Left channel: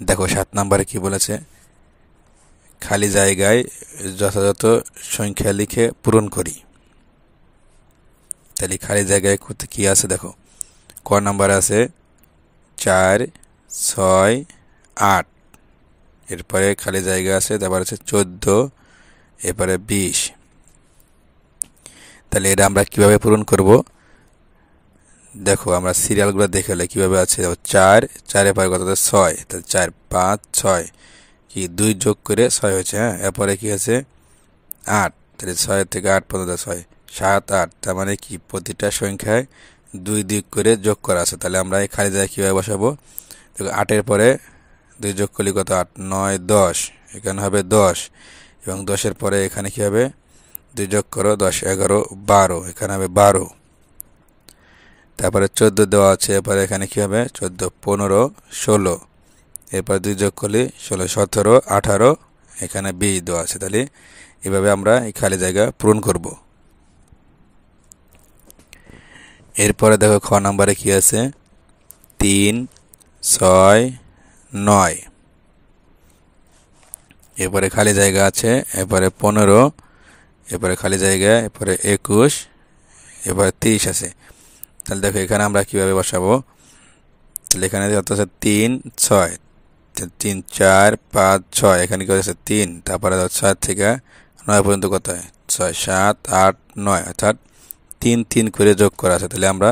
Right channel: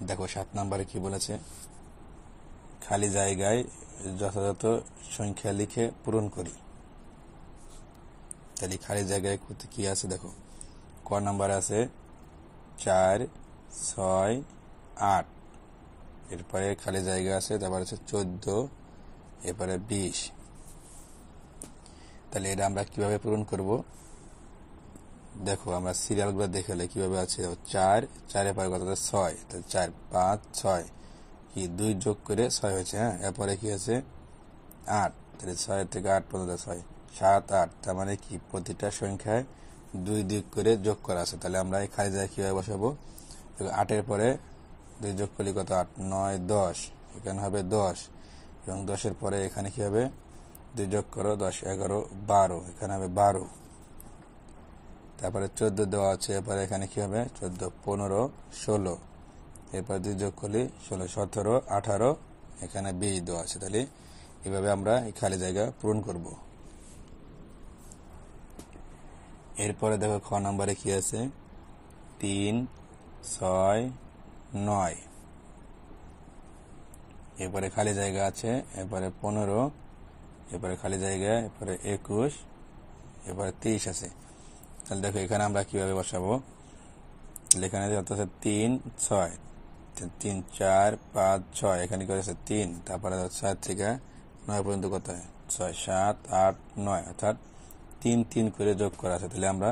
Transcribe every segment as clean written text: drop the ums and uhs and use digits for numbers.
দেখো 7 নম্বরে কি বলেছে, খালি জায়গায় যথাযথ সংখ্যা লিখে পূরণ করি। তাহলে খালি জায়গায় কি আছে দেখো, ক নাম্বার আছে 4, 6, 8, এরপরে খালি জায়গা আছে, তারপর আছে 14, এরপরে 20। তাহলে এটা আমরা কিভাবে পূরণ করব? দেখো আমরা সিরিয়ালগুলো দেখে হলে কিভাবে আছে, 4, 4 পরে কত 6, তাহলে 4, 5, 6 কি 2 যোগ করে 6 হয়েছে। হ্যাঁ, এরপরে কি আছে 8, তাহলে 6 থেকে 8 পর্যন্ত 6, 7, 8, তার মানে কি প্রতিটা সংখ্যায় 2 2 করে যোগ করা আছে। তাহলে আমরা এই খালি জায়গায় কীভাবে বসাবো? দেখো 8-এর পরে 2 যোগ করলে কত 8, 9, 10, এখানে হবে 10, এবং 10-এর পরে এখানে কি হবে 2 যোগ করো 10, 11, 12, এখানে হবে 12। তারপরে 14 দেওয়া আছে, এরপরে এখানে কি হবে 14, 15, 16, এরপর 2 যোগ করলে 16, 17, 18, এখানে 20 দেওয়া আছে। তাহলে এভাবে আমরা এই খালি জায়গা পূরণ করব। এরপরে দেখো খ নাম্বারে কি আছে, 3, 6, 9, এরপরে খালি জায়গা আছে, এরপরে 15, এরপরে খালি জায়গা, এরপরে 21, এরপরে 30 আছে। তাহলে দেখো এখানে আমরা কিভাবে বসাবো? তাহলে এখানে কত আছে 3, 6, 3, 4, 5, 6, এখানে কি আছে 3, তারপরে 6 থেকে 9 পর্যন্ত কত হয় 6, 7, 8, 9, অর্থাৎ 3 3 করে যোগ করা আছে। তাহলে আমরা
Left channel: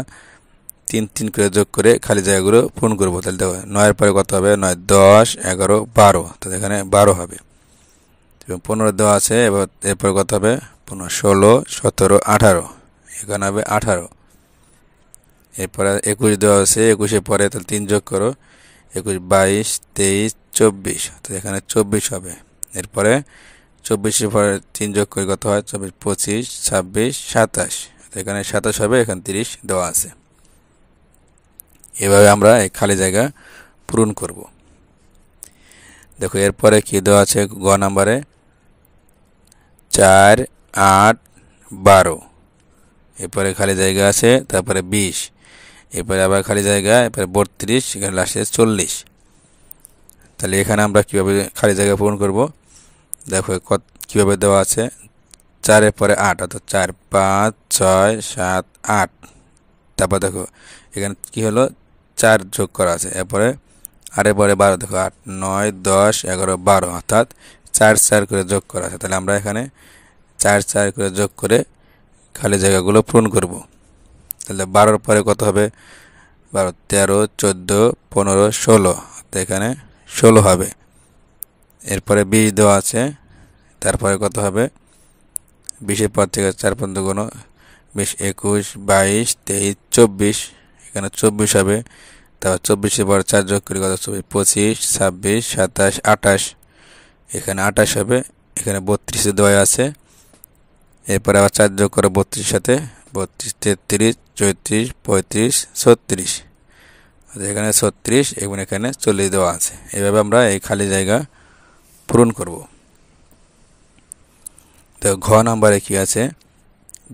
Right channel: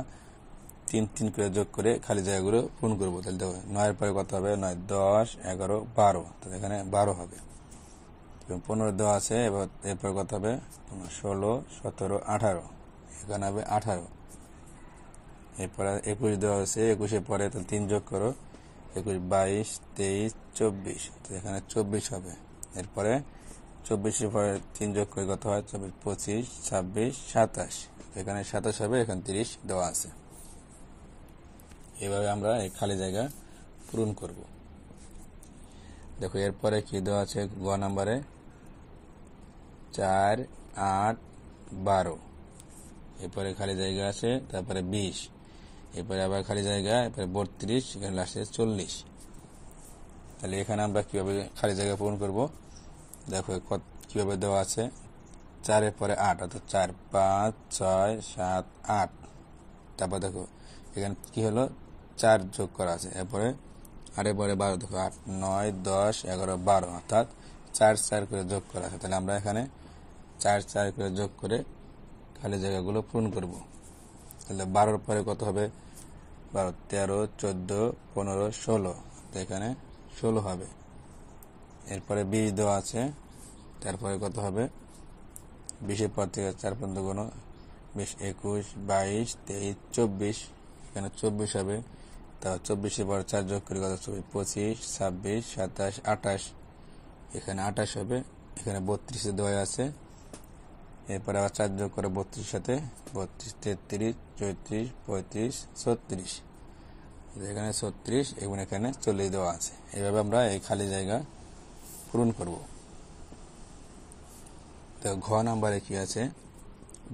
3 3 করে যোগ করে খালি জায়গাগুলো পূরণ করবো। তাহলে দেখো 9-এর পরে কত হবে 9, 10, 11, 12, তাহলে এখানে 12 হবে। এবং 15 দেওয়া আছে, এবার এরপরে কত হবে 15, 16, 17, 18, এখানে হবে 18। এরপরে 21 দেওয়া আছে, 21-এর পরে তাহলে 3 যোগ করো, 21, 22, 23, 24, তো এখানে 24 হবে। এরপরে 24-এর পরে 3 যোগ করে কত হয় 24, 25, 26, 27, এখানে 27 হবে, এখানে 30 দেওয়া আছে। এভাবে আমরা এই খালি জায়গা পূরণ করব। দেখো এরপরে কি দেওয়া আছে গ নাম্বারে, 4, 8, 12, এরপরে খালি জায়গা আছে, তারপরে 20, এরপরে আবার খালি জায়গা, এরপরে 32, এখানে লাস্টে 40। তাহলে এখানে আমরা কিভাবে খালি জায়গা পূরণ করব? দেখো কিভাবে দেওয়া আছে, 4-এর পরে 8, অর্থাৎ 4, 5, 6, 7, 8, তারপর দেখো এখানে কি হলো 4 যোগ করা আছে, এরপরে 8-এর পরে 12, দেখো 8, 9, 10, 11, 12, অর্থাৎ 4 4 করে যোগ করা আছে। তাহলে আমরা এখানে 4 4 করে যোগ করে খালি জায়গাগুলো পূরণ করব। তাহলে 12-এর পরে কত হবে 12, 13, 14, 15, 16, তো এখানে 16 হবে। এরপরে 20 দেওয়া আছে, তারপরে কত হবে 20-এর পর থেকে 4 পর্যন্ত গুণ, 20, 21, 22, 23, 24, এখানে 24 হবে। তারপর 24-এর পর 4 যোগ করে কত 24, 25, 26, 27, 28, এখানে 28 হবে। এখানে 32 দেওয়া আছে, এরপরে আবার 4 যোগ করে 32-এর সাথে 32, 33, 34, 35, 36, এখানে 36 এবং এখানে 40 দেওয়া আছে। এইভাবে আমরা এই খালি জায়গা পূরণ করব। তো ঘ নাম্বারে কি আছে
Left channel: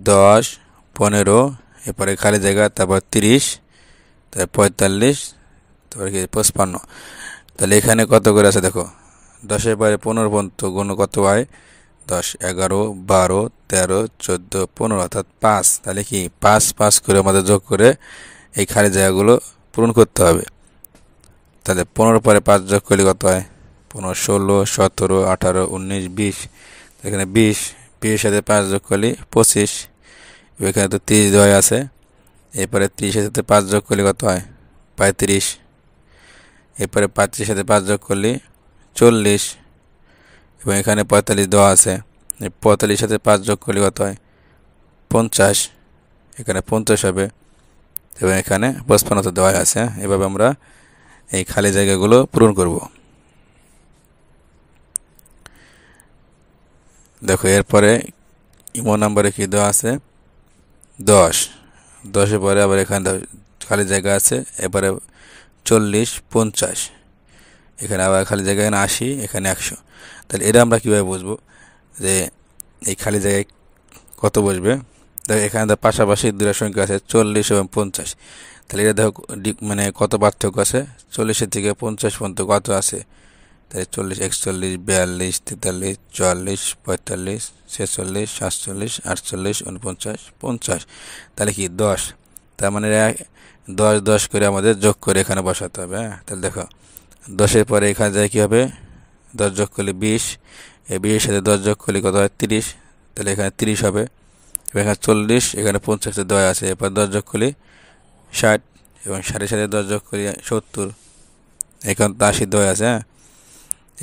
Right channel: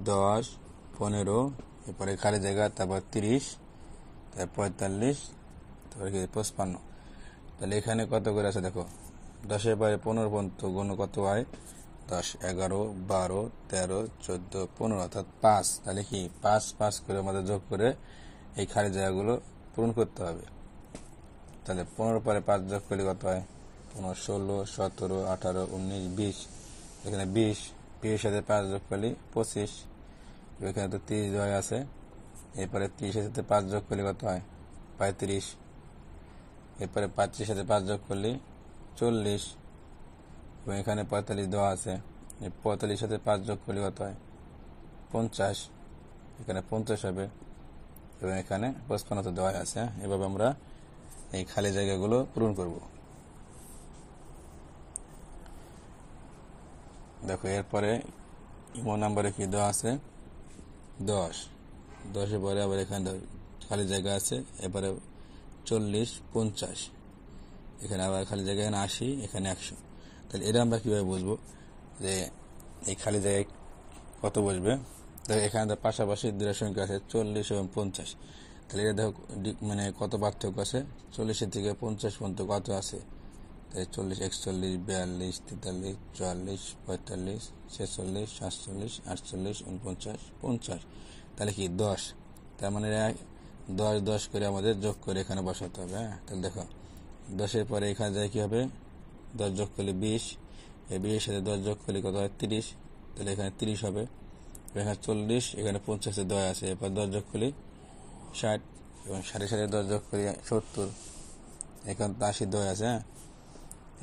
10, 15, এরপরে খালি জায়গা, তারপর 30, তারপর 45, তারপরে কি 55। তাহলে এখানে কত করে আছে দেখো, 10-এর পরে 15 পর্যন্ত গুণ কত হয় 10, 11, 12, 13, 14, 15, অর্থাৎ 5। তাহলে কি 5 5 করে আমাদের যোগ করে এই খালি জায়গাগুলো পূরণ করতে হবে। তাহলে 15 পরে 5 যোগ করলে কত হয় 15, 16, 17, 18, 19, 20, এখানে 20, 20-এর সাথে 5 যোগ করলে 25, এখানে তো 30 দেওয়া আছে। এরপরে 30-এর সাথে 5 যোগ করলে কত হয় 35, এরপরে 35-এর সাথে 5 যোগ করলে 40, এবং এখানে 45 দেওয়া আছে। 45-এর সাথে 5 যোগ করলে কত হয় 50, এখানে 50 হবে, এবং এখানে 55 তো দেওয়া আছে। এভাবে আমরা এই খালি জায়গাগুলো পূরণ করব। দেখো এরপরে ইমো নাম্বারে কি দেওয়া আছে 10, 10-এর পরে আবার এখানে খালি জায়গা আছে, এবারে 40, 50, এখানে আবার খালি জায়গা, এখানে 80, এখানে 100। তাহলে এটা আমরা কীভাবে বুঝবো যে এই খালি জায়গায় কত বসবে? দেখো এখানে তো পাশাপাশি দুটো সংখ্যা আছে 40 এবং 50। তাহলে এটা দেখো মানে কত পার্থক্য আছে, 40 থেকে 50 পর্যন্ত কত আছে, তাহলে 40, 41, 42, 43, 44, 45, 46, 47, 48, 49, 50, তাহলে কি 10, তার মানে 10 10 করে আমাদের যোগ করে এখানে বসাতে হবে। হ্যাঁ, তাহলে দেখো 10-এর পরে এখানে যায় কি হবে, 10 যোগ করলে 20, এই 20-এর সাথে 10 যোগ করলে কত হয় 30, তাহলে এখানে 30 হবে। এখানে 40, এখানে 50 দেওয়া আছে, এরপর 10 যোগ করলে 60 এবং 60-এর সাথে 10 যোগ করি 70, এখানে তো 80 দেওয়া আছে। হ্যাঁ,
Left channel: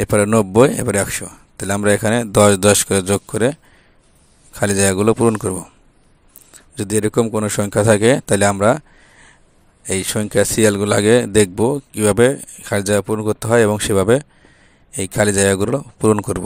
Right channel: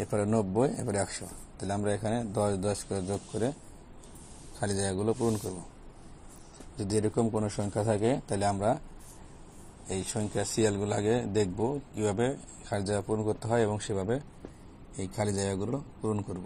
এরপরে 90, এরপরে 100। তাহলে আমরা এখানে 10 10 করে যোগ করে খালি জায়গাগুলো পূরণ করব। যদি এরকম কোনো সংখ্যা থাকে তাহলে আমরা এই সংখ্যার সিরিয়ালগুলো আগে দেখব কীভাবে খালি জায়গা পূরণ করতে হয় এবং সেভাবে এই খালি জায়গাগুলো পূরণ করব।